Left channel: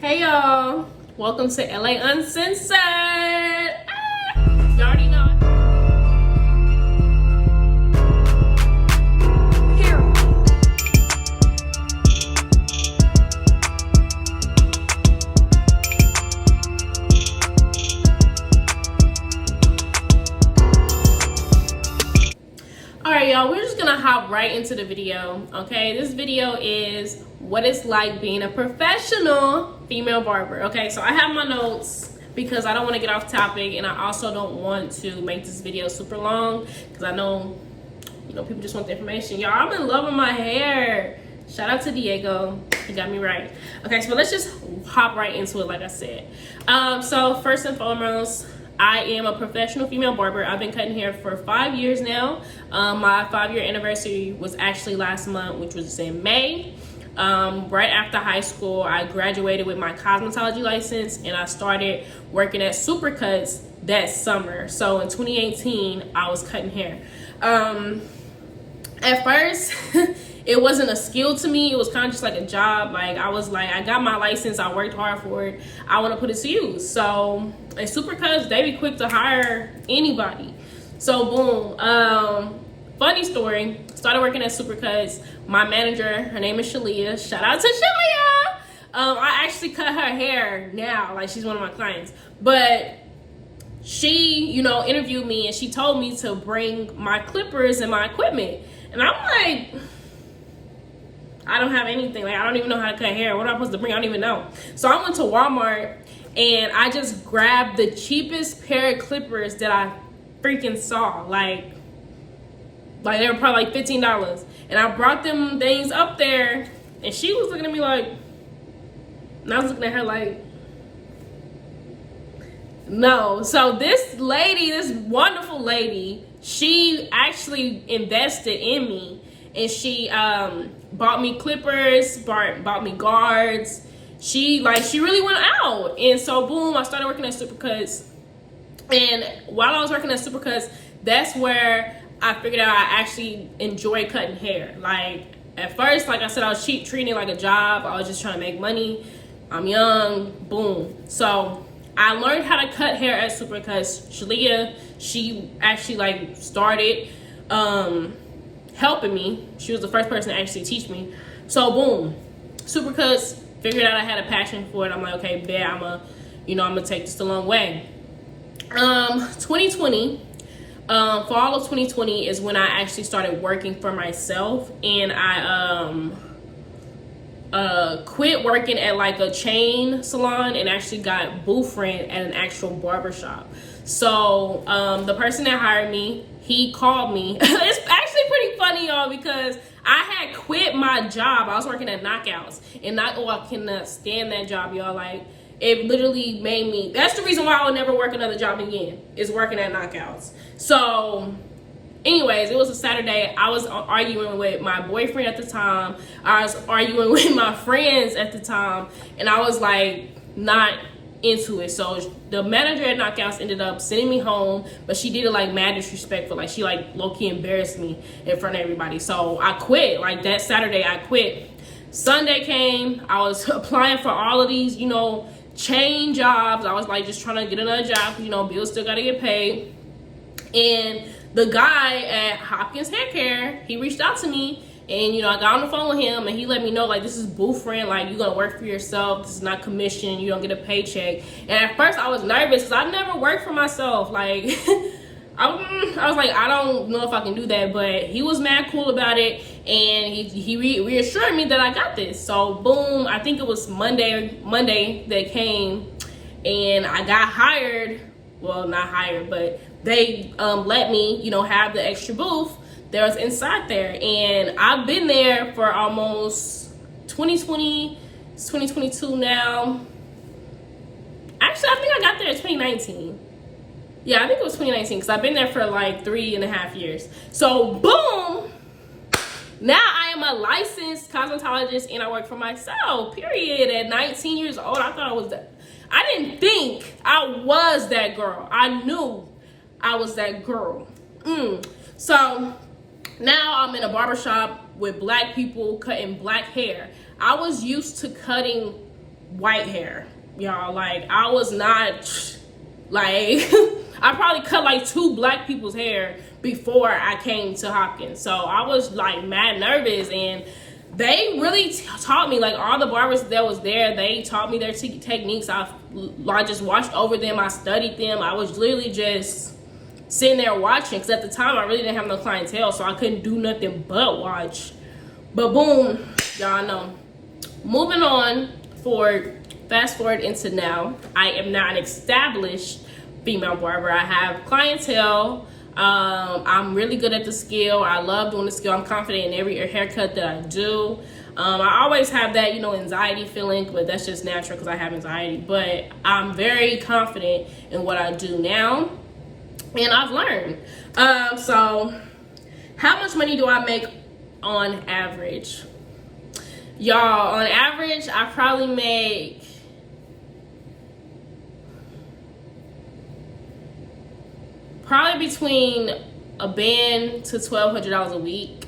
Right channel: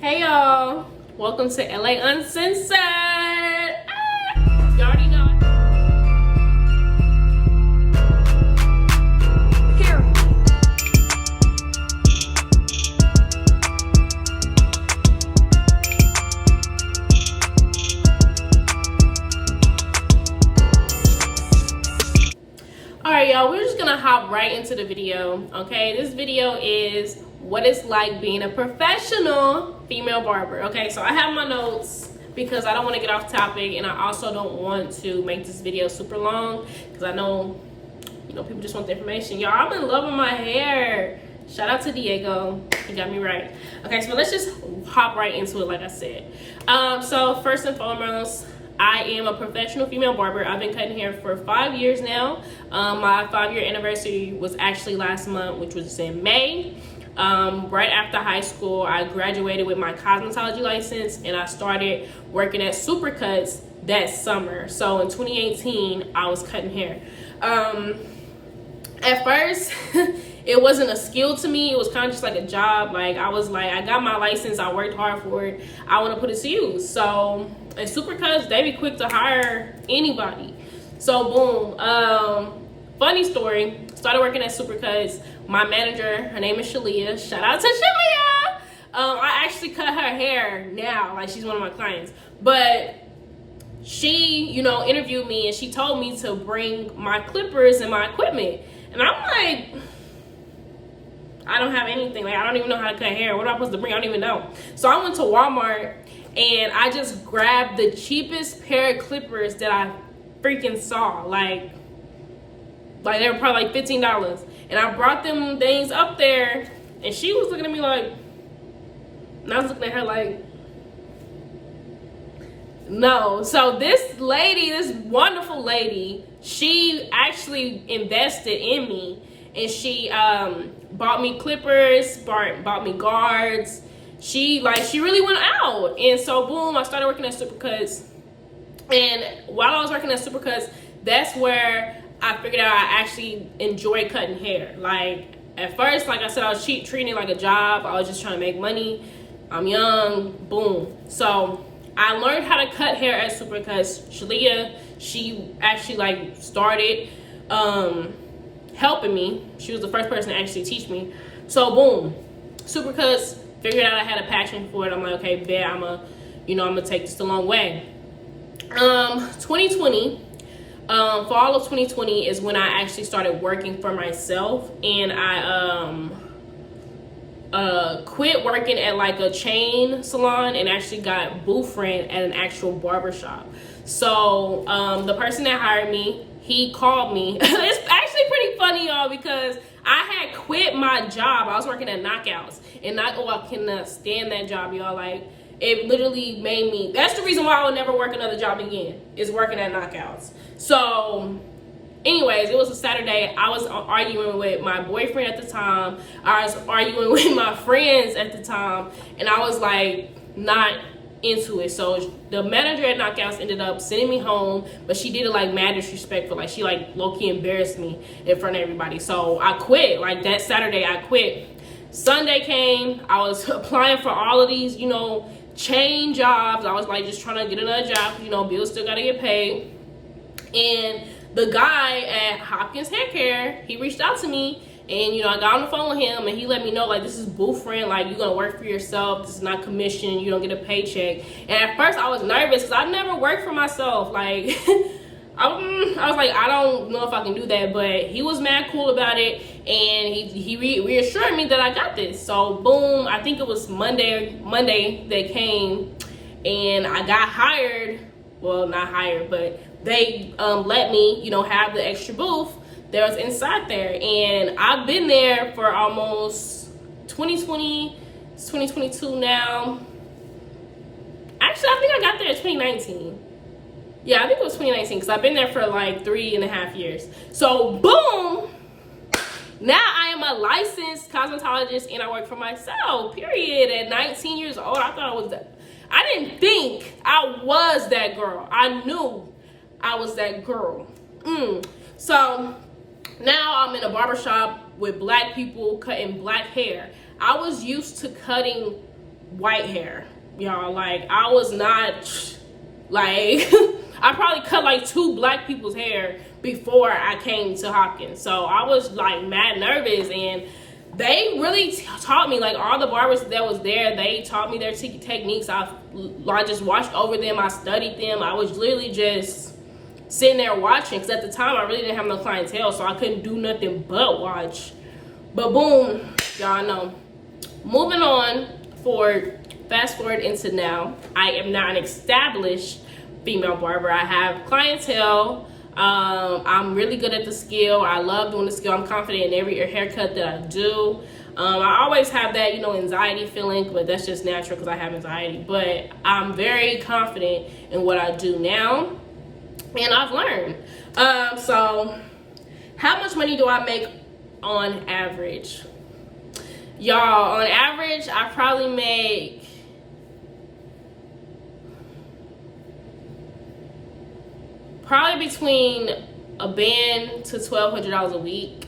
Hey y'all, welcome to LA Uncensored. You already know. Alright y'all, we're just gonna hop right into the video. Okay, this video is what it's like being a professional female barber. Okay, so I have my notes because I don't want to get off topic, and I also don't want to make this video super long because I know, people just want the information. Y'all, I'm in love with my hair. Shout out to Diego, he got me right. Okay, so let's just hop right into it like I said. So first and foremost, I am a professional female barber. I've been cutting hair for 5 years now. My 5-year anniversary was actually last month, which was in May. Right after high school, I graduated with my cosmetology license, and I started working at Supercuts that summer. So in 2018, I was cutting hair. At first, it wasn't a skill to me. It was kind of just like a job. Like, I was like, I got my license, I worked hard for it, I want to put it to use. So at Supercuts, they be quick to hire anybody. So boom. Funny story, started working at Supercuts. My manager, her name is Shalia. Shout out to Shalia. I actually cut her hair now, like she's one of my clients. But she, interviewed me, and she told me to bring my clippers and my equipment. And I'm like, I don't have anything. Like, I don't even know how to cut hair. What am I supposed to bring? I don't even know. So I went to Walmart, and I just grabbed the cheapest pair of clippers that I freaking saw. Like they were probably like $15. And I brought them things up there, and she was looking at me like, and I was looking at her like, no. So this lady, this wonderful lady, she actually invested in me, and she bought me clippers, bought me guards. She really went out. And so boom, I started working at Supercuts. And while I was working at Supercuts, that's where I figured out I actually enjoy cutting hair. Like, at first, like I said, I was treating it like a job. I was just trying to make money. I'm young, boom. So I learned how to cut hair at Supercuts. Shalia, she actually started helping me. She was the first person to actually teach me. So boom, Supercuts, figured out I had a passion for it. I'm like, okay, bet I'm gonna take this a long way. 2020. Fall of 2020 is when I actually started working for myself, and I quit working at like a chain salon and actually got booth rent at an actual barber shop. So the person that hired me, he called me. It's actually pretty funny, y'all, because I had quit my job. I was working at Knockouts, and I cannot stand that job, y'all. Like, it literally made me, that's the reason why I would never work another job again, is working at Knockouts. So anyways, it was a Saturday. I was arguing with my boyfriend at the time. I was arguing with my friends at the time, and I was like not into it. So the manager at Knockouts ended up sending me home, but she did it like mad disrespectful. Like, she like low-key embarrassed me in front of everybody. So I quit. Like, that Saturday I quit. Sunday came, I was applying for all of these, chain jobs. I was like just trying to get another job, bills still gotta get paid. And the guy at Hopkins Hair Care, he reached out to me, and I got on the phone with him, and he let me know, like, this is booth rent, like, you're gonna work for yourself, this is not commission, you don't get a paycheck. And at first I was nervous because I never worked for myself. Like, I was like, I don't know if I can do that, but he was mad cool about it, and he reassured me that I got this. So boom, I think it was Monday they came, and I got hired. Well, not hired, but they let me, have the extra booth that was inside there. And I've been there for almost 2020, it's 2022 now. Actually, I think I got there in 2019. Yeah, I think it was 2019, because I've been there for like 3.5 years. So boom, now I am a licensed cosmetologist, and I work for myself, period. At 19 years old, I thought I was that. I didn't think I was that girl. I knew I was that girl. So now I'm in a barbershop with black people cutting black hair. I was used to cutting white hair, y'all. Like, I was not, like, I probably cut like 2 black people's hair before I came to Hopkins. So I was like mad nervous, and they really taught me, like, all the barbers that was there, they taught me their techniques. I just watched over them, I studied them. I was literally just sitting there watching, because at the time I really didn't have no clientele, so I couldn't do nothing but watch. But boom, y'all know. Moving on, fast forward into now, I am now an established female barber. I have clientele. I'm really good at the skill. I love doing the skill. I'm confident in every haircut that I do. I always have that, you know, anxiety feeling, but that's just natural because I have anxiety. But I'm very confident in what I do now, and I've learned. So how much money do I make on average? Y'all, on average, I probably make between a band to $1,200 a week.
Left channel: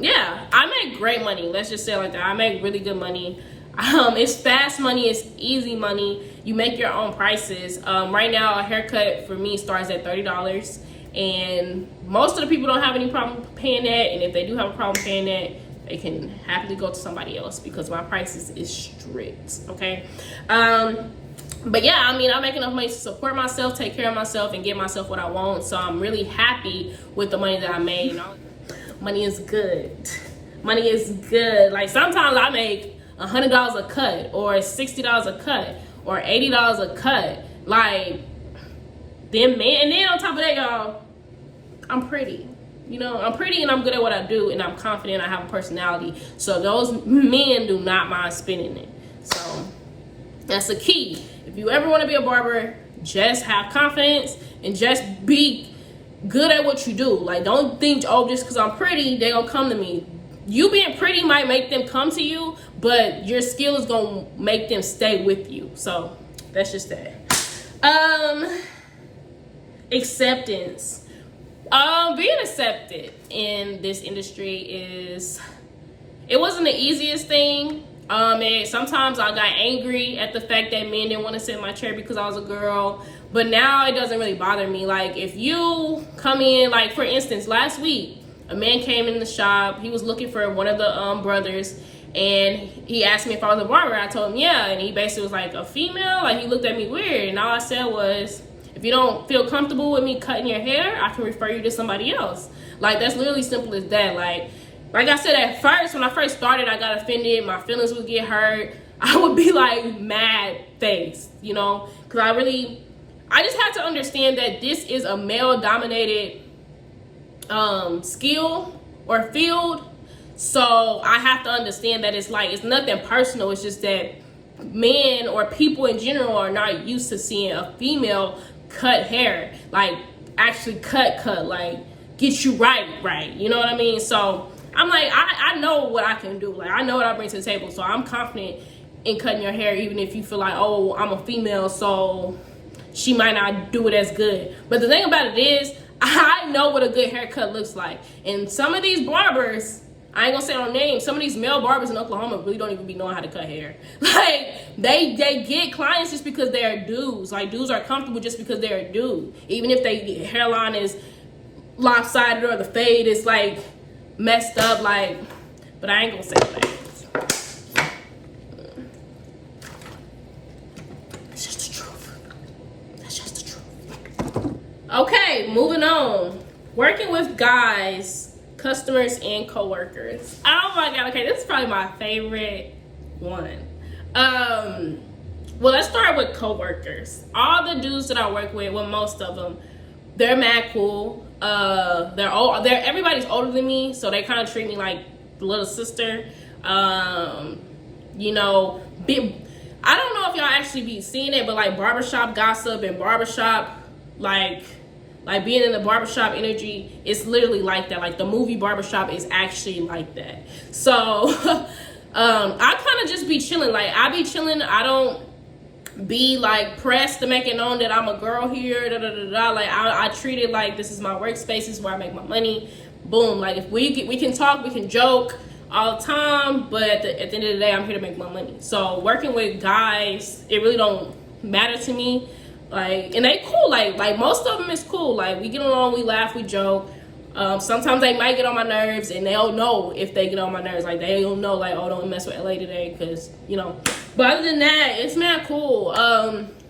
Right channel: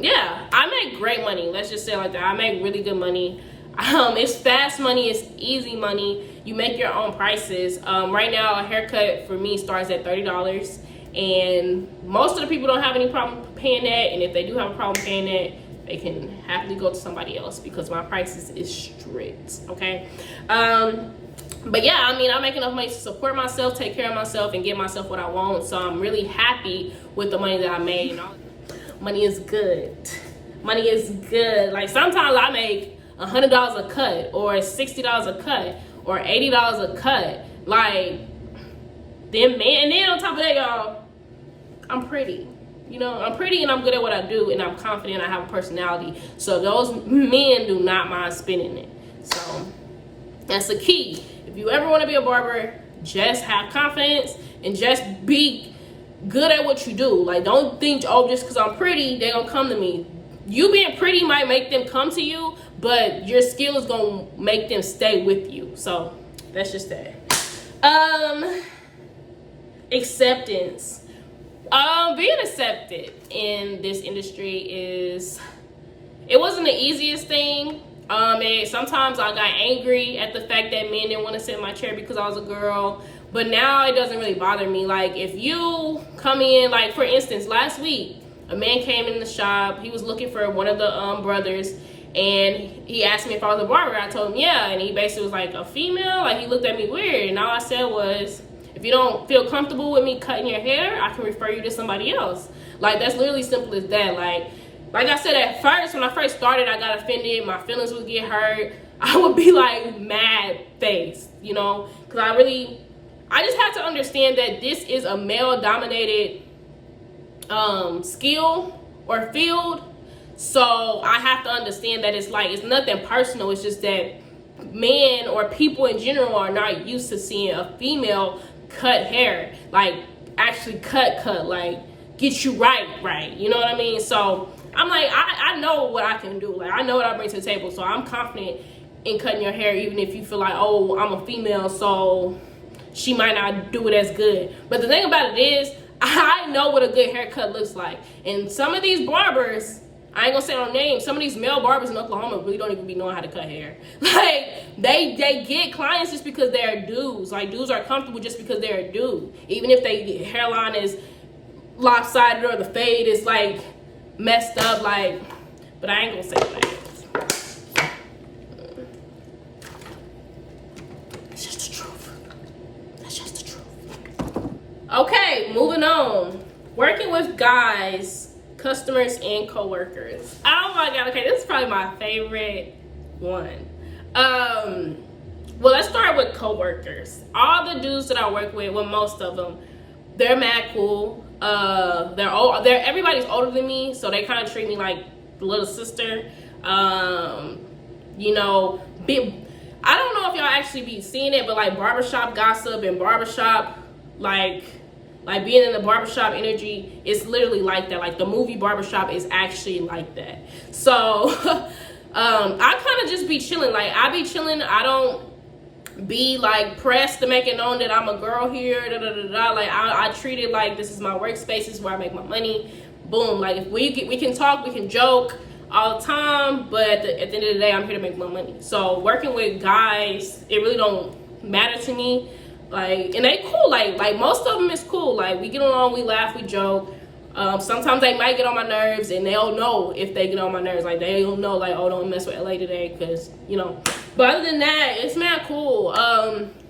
Yeah, I make great money. Let's just say it like that. I make really good money. It's fast money. It's easy money. You make your own prices. Right now, a haircut for me starts at $30, and most of the people don't have any problem paying that. And if they do have a problem paying that, they can happily go to somebody else because my prices is strict. Okay. But yeah, I mean, I make enough money to support myself, take care of myself, and get myself what I want. So I'm really happy with the money that I made. Money is good. Money is good. Like, sometimes I make $100 a cut, or $60 a cut, or $80 a cut. Like, then, man, and then on top of that, y'all, I'm pretty. You know, I'm pretty and I'm good at what I do, and I'm confident. I have a personality. So those men do not mind spending it. So that's the key. If you ever want to be a barber, just have confidence and just be good at what you do. Like, don't think, oh, just because I'm pretty, they're going to come to me. You being pretty might make them come to you, but your skill is going to make them stay with you. So that's just that. Acceptance. Being accepted in this industry it wasn't the easiest thing. Sometimes I got angry at the fact that men didn't want to sit in my chair because I was a girl, but now it doesn't really bother me. Like, if you come in, like, for instance, last week, a man came in the shop. He was looking for one of the brothers, and he asked me if I was a barber. I told him, yeah, and he basically was like, a female? Like, he looked at me weird, and all I said was, if you don't feel comfortable with me cutting your hair, I can refer you to somebody else. Like, that's literally simple as that. Like I said, at first, when I first started, I got offended. My feelings would get hurt. I would be like mad face, you know, because I just had to understand that this is a male-dominated skill or field. So I have to understand that it's nothing personal. It's just that men or people in general are not used to seeing a female cut hair, like actually cut, like get you right. You know what I mean? So I'm like, I know what I can do. Like, I know what I bring to the table. So I'm confident in cutting your hair, even if you feel like, oh, I'm a female, so she might not do it as good. But the thing about it is, I know what a good haircut looks like. And some of these barbers, I ain't gonna say no names, some of these male barbers in Oklahoma really don't even be knowing how to cut hair. Like, they get clients just because they're dudes. Like, dudes are comfortable just because they're a dude. Even if their hairline is lopsided or the fade is like messed up, like, but I ain't gonna say no names. It's just the truth. That's just the truth. Okay, moving on. Working with guys, customers, and co-workers. Oh my god, okay, this is probably my favorite one. Well, let's start with co-workers. All the dudes that I work with, well, most of them, they're mad cool. Everybody's older than me, so they kind of treat me like little sister. You know, I don't know if y'all actually be seeing it, but like barbershop gossip and barbershop, like being in the barbershop energy, it's literally like that. Like, the movie Barbershop is actually like that. So I kind of just be chilling. Like, I be chilling. I don't be like pressed to make it known that I'm a girl here. Like, I treat it like this is my workspace. This is where I make my money. Boom. Like, if we can talk, we can joke. all the time, but at the end of the day, I'm here to make my money. So working with guys, it really don't matter to me. Like, and they cool. Like most of them is cool. Like, we get along, we laugh, we joke. Sometimes they might get on my nerves, and they'll know if they get on my nerves. Like, they don't know, like, oh, don't mess with LA today, because, you know. But other than that, it's man cool.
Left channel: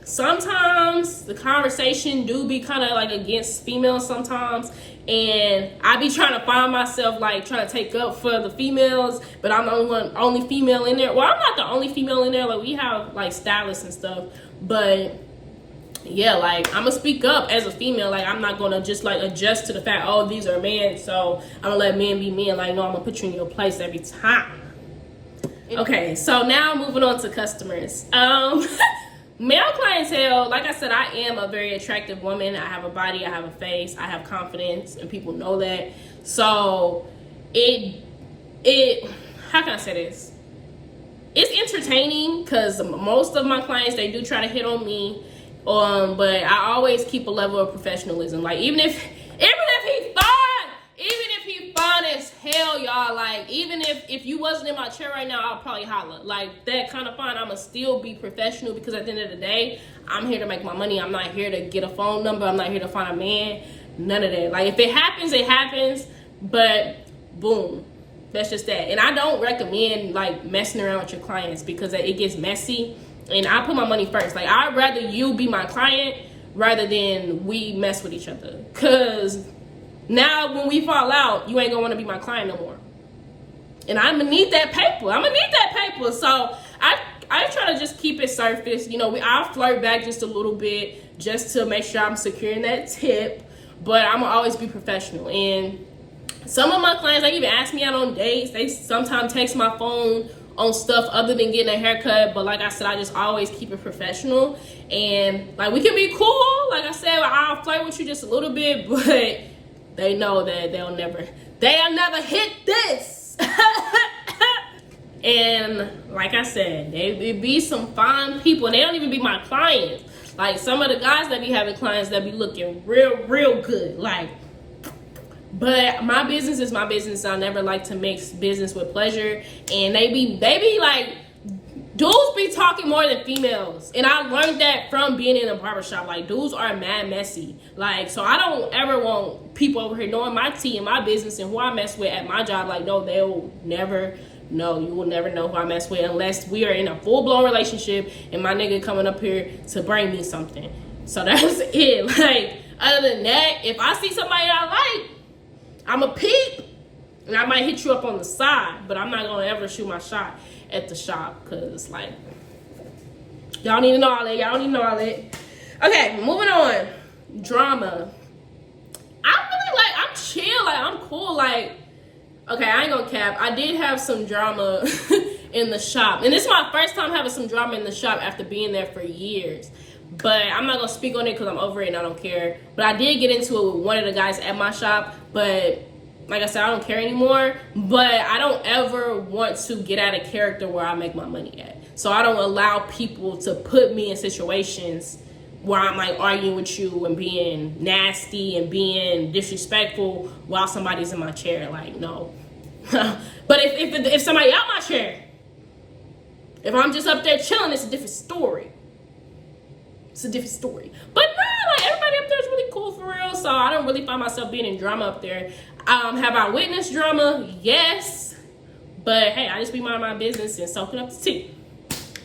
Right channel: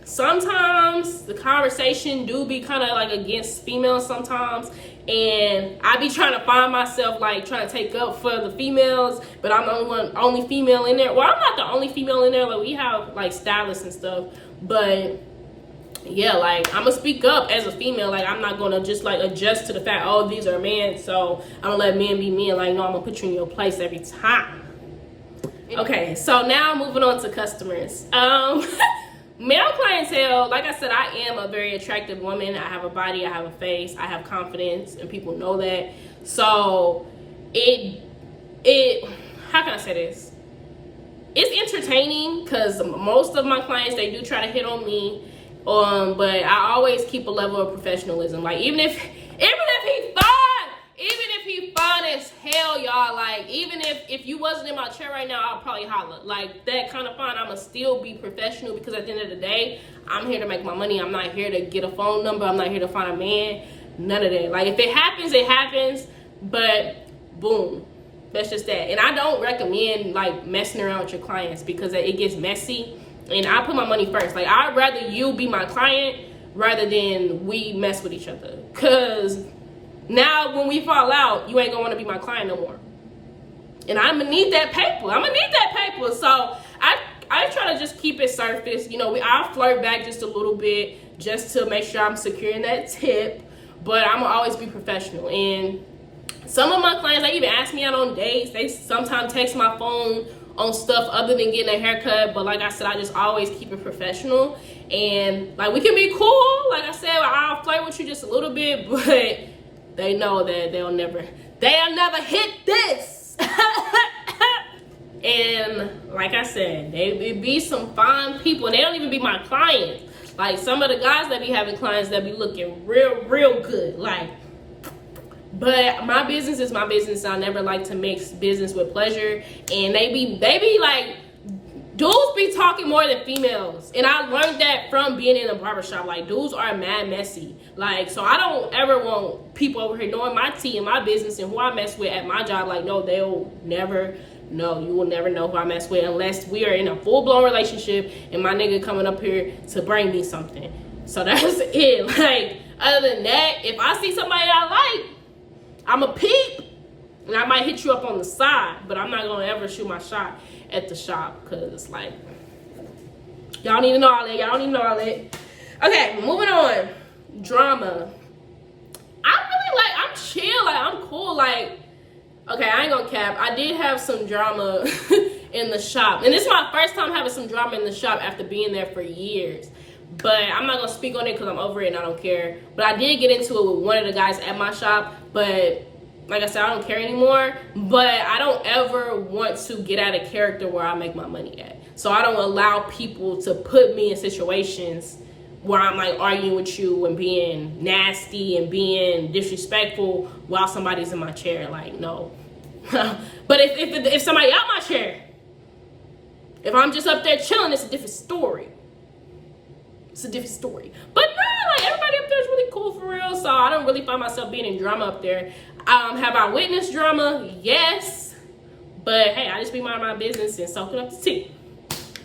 Sometimes the conversation do be kind of like against females sometimes, and I be trying to find myself like trying to take up for the females, but I'm the only female in there. Well, I'm not the only female in there. Like, we have like stylists and stuff, but yeah, like, I'm gonna speak up as a female. Like, I'm not gonna just like adjust to the fact, oh, these are men, so I'm gonna let men be men. Like, no, I'm gonna put you in your place every time. Okay, so now moving on to customers. Male clientele, like I said, I am a very attractive woman. I have a body, I have a face, I have confidence, and people know that. So how can I say this? It's entertaining, because most of my clients, they do try to hit on me. But I always keep a level of professionalism. Like, even if he fine as hell, y'all, like, even if you wasn't in my chair right now, I'll probably holler. Like, that kind of fine, I'ma still be professional, because at the end of the day, I'm here to make my money. I'm not here to get a phone number. I'm not here to find a man. None of that. Like, if it happens, it happens. But boom, that's just that. And I don't recommend like messing around with your clients, because it gets messy. And I put my money first. Like, I'd rather you be my client rather than we mess with each other. Because now when we fall out, you ain't gonna want to be my client no more. And I'm gonna need that paper. So I try to just keep it surface. You know, I'll flirt back just a little bit just to make sure I'm securing that tip. But I'm gonna always be professional. And some of my clients, they even ask me out on dates. They sometimes text my phone on stuff other than getting a haircut. But like I said, I just always keep it professional. And like, we can be cool. Like I said, I'll flirt with you just a little bit, but they know that they'll never hit this. And like I said, they be some fine people, and they don't even be my clients. Like, some of the guys that be having clients that be looking real good. Like, but my business is my business. I never like to mix business with pleasure. And they be like, dudes be talking more than females. And I learned that from being in a barbershop. Like, dudes are mad messy. Like, so I don't ever want people over here knowing my tea and my business and who I mess with at my job. Like, no, they'll never know. You will never know who I mess with unless we are in a full-blown relationship and my nigga coming up here to bring me something. So that's it. Like, other than that, if I see somebody I like, I'm a peep, and I might hit you up on the side, but I'm not gonna ever shoot my shot at the shop, because like, y'all don't even know all that. Okay, moving on. Drama. I'm chill, like, I'm cool. Like, okay, I ain't gonna cap, I did have some drama in the shop, and this is my first time having some drama in the shop after being there for years. But I'm not gonna speak on it because I'm over it and I don't care. But I did get into it with one of the guys at my shop. But like I said, I don't care anymore. But I don't ever want to get out of character where I make my money at. So I don't allow people to put me in situations where I'm like arguing with you and being nasty and being disrespectful while somebody's in my chair. Like, no. But if somebody out my chair, if I'm just up there chilling, it's a different story. It's a different story. But no, like, everybody up there is really cool for real. So I don't really find myself being in drama up there. Have I witnessed drama? Yes. But hey, I just be minding my business and soaking up the tea.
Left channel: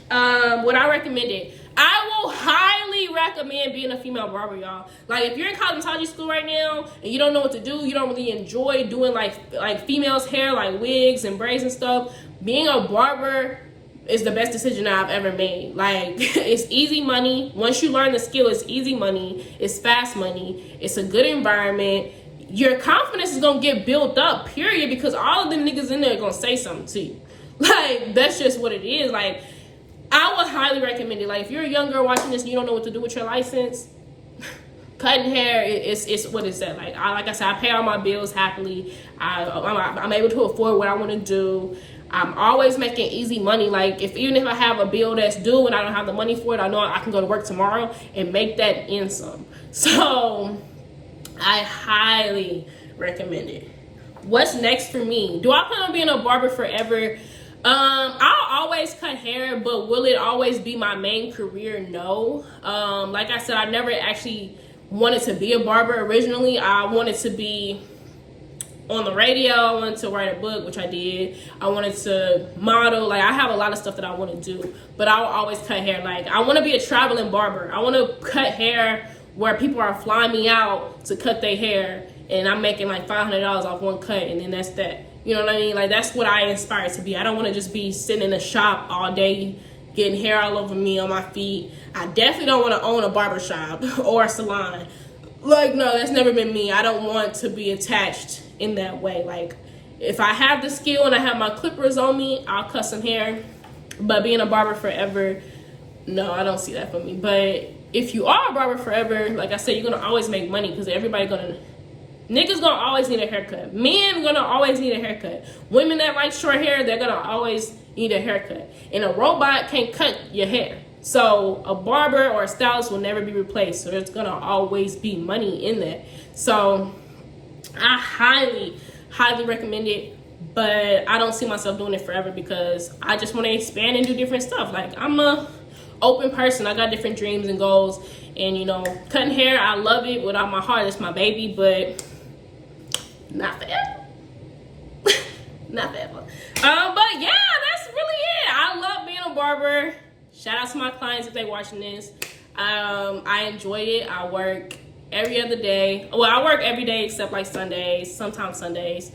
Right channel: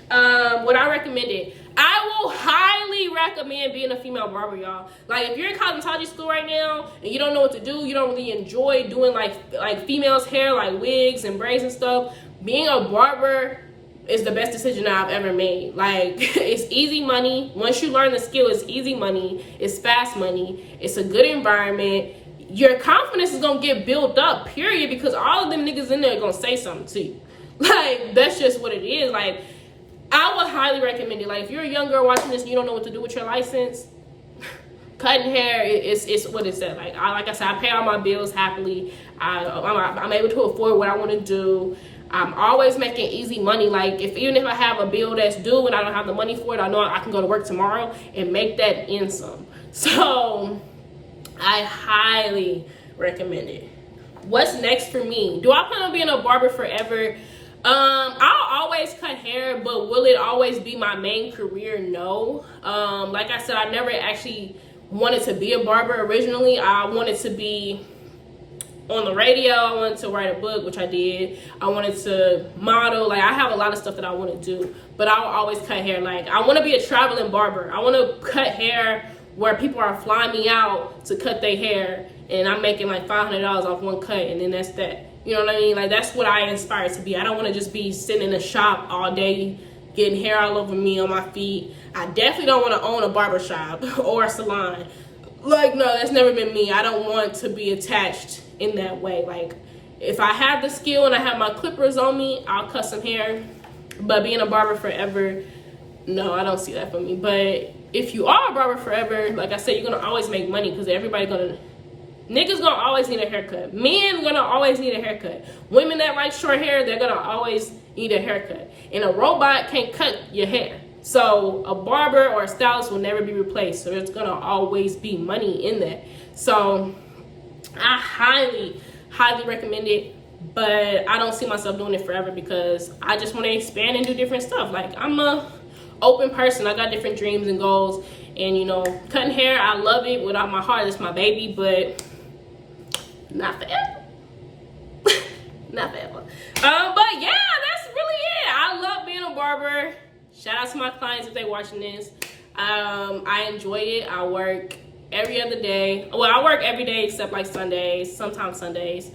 What I recommended. I will highly recommend being a female barber, y'all. Like, if you're in cosmetology school right now and you don't know what to do, you don't really enjoy doing like females' hair, like wigs and braids and stuff, being a barber is the best decision I've ever made. Like, it's easy money. Once you learn the skill, it's easy money. It's fast money. It's a good environment. Your confidence is gonna get built up, period, because all of them niggas in there are gonna say something to you. Like, that's just what it is. Like, I would highly recommend it. Like, if you're a young girl watching this and you don't know what to do with your license, cutting hair is what it said. Like I said, I pay all my bills happily. I'm able to afford what I want to do. I'm always making easy money. Like, even if I have a bill that's due and I don't have the money for it, I know I can go to work tomorrow and make that in some. So I highly recommend it. what's next for me? Do I plan on being a barber forever? I'll always cut hair, but will it always be my main career? No. Like I said, I never actually wanted to be a barber originally. I wanted to be on the radio. I wanted to write a book, which I did. I wanted to model. Like, I have a lot of stuff that I want to do, but I will always cut hair. Like, I want to be a traveling barber. I want to cut hair where people are flying me out to cut their hair, and I'm making like $500 off one cut, and then that's that. You know what I mean? Like, that's what I aspire to be. I don't want to just be sitting in a shop all day getting hair all over me, on my feet. I definitely don't want to own a barber shop or a salon. Like, no, that's never been me. I don't want to be attached in that way. Like, if I have the skill and I have my clippers on me, I'll cut some hair. But being a barber forever, no, I don't see that for me. But if you are a barber forever, like I said, you're gonna always make money, because niggas gonna always need a haircut. Men gonna always need a haircut. Women that like short hair, they're gonna always need a haircut. And a robot can't cut your hair. So a barber or a stylist will never be replaced. So there's gonna always be money in that. So I highly, highly recommend it. But I don't see myself doing it forever, because I just want to expand and do different stuff. Like, I'm a open person. I got different dreams and goals. And, you know, cutting hair, I love it with all my heart. It's my baby, but not forever. Not forever. But yeah, that's really it. I love being a barber. Shout out to my clients if they're watching this. I enjoy it. I work every other day. Well, I work every day except like Sundays, sometimes Sundays.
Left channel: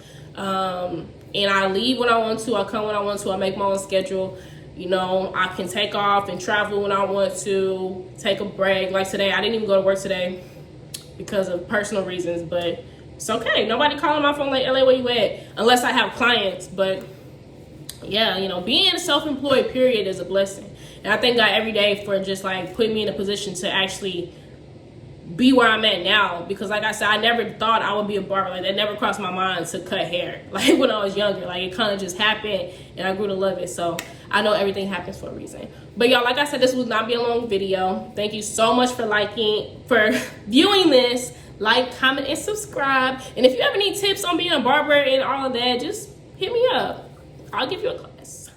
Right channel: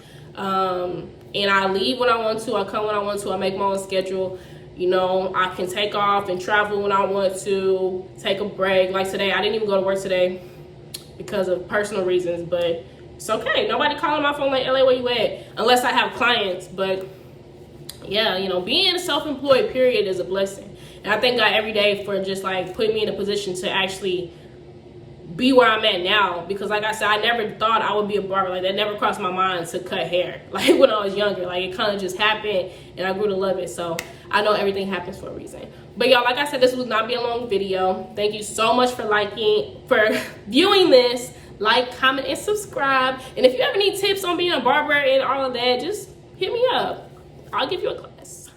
And I leave when I want to. I come when I want to. I make my own schedule. You know, I can take off and travel when I want to, take a break. Like today, I didn't even go to work today because of personal reasons, but it's okay. Nobody calling my phone like, LA, where you at? Unless I have clients. But yeah, you know, being self-employed, period, is a blessing. And I thank God every day for just like putting me in a position to actually be where I'm at now. Because like I said, I never thought I would be a barber. Like, that never crossed my mind to cut hair. Like, when I was younger, like, it kind of just happened and I grew to love it. So I know everything happens for a reason. But y'all, like I said, this will not be a long video. Thank you so much for viewing this. Like, comment, and subscribe. And if you have any tips on being a barber and all of that, just hit me up. I'll give you a class.